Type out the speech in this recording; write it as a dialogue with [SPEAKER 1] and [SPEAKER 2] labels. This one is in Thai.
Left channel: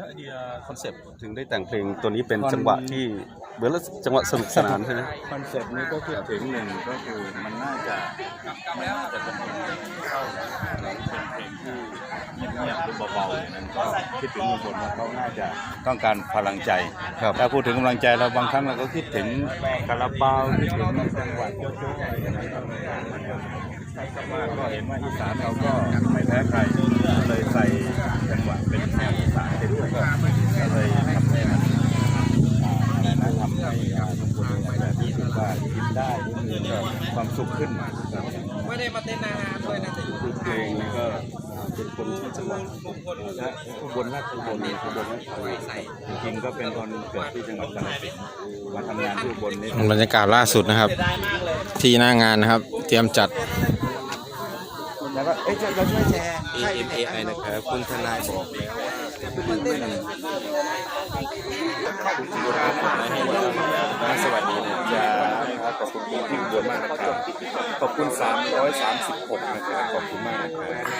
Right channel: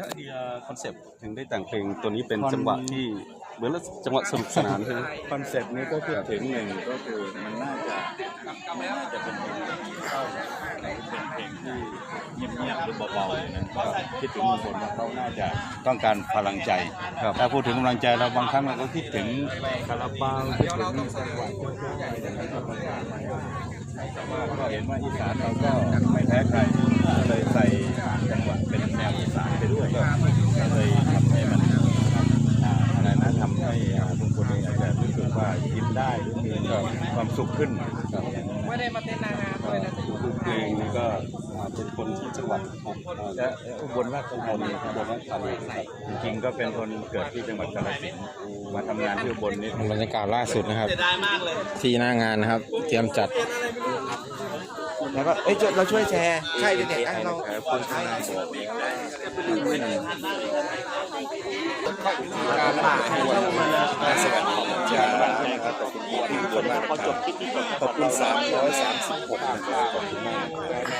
[SPEAKER 1] แล้วไอ้คอนเซปต์ถึงได้แต่งเพลงตัวนี้เป็น
[SPEAKER 2] คอน
[SPEAKER 1] จังหวะที่เหมือนแล้วจังหวะสนุกสนานใช่ไหม
[SPEAKER 2] คอนเซ็ปต์นี้ก็คิดถึงหนึ่งก็คือมันน่าจะมันน่าจะเป็นเพลงเข้านะหรือเป็นเพลงที่เงียบๆหรือเบาๆอย่างนั้นก็คิดถึงลุงพลว่าเขาน่าจะต้องการพลังใจถ้าพูดถึงกำลังใจเราบางครั้งเราก็คิดถึงคาราบาวคิดถึงจังหวัดโจ๊กๆอะไรอย่างนั้นก็ไม่ได้แต่ว่าก็เห็นว่าอีสานเราก็ไม่แพ้ใครก็เลยใส่ จังหวะเป็นแนวอีสานไปด้วยก็เลยทำให้มันอ่าอะไรนะทำให้อ่าลุงพลเองอาจจะรู้สึกว่ายิ้มได้หรือมีความสุขขึ้นครับ
[SPEAKER 3] ไม่ได้มาเต้นนางงามเลยนะแต่อยู่
[SPEAKER 1] คือเพลงนี่ก็เป็นคนที่จังหวัด
[SPEAKER 2] และอุบลราชธานีอุบลราชธานีจริงๆก็เป็นคนเกิดที่จังหวัดกาฬสินธุ์มาทำงานที่อุบลนี่
[SPEAKER 4] บรรยากาศล่าสุดนะครับ ที่หน้างานนะครับ เตรียมจัด
[SPEAKER 3] แล้วก็เอ้ยเราช่วยแชร์ใช่เด็กไอ้นะ
[SPEAKER 2] แต่คุณทางบอก
[SPEAKER 1] สวัสดีจ้าขอบคุณพี่อุบลมากนะครับขอบคุณ 336 นะครับ ขอบคุณมากนะครับ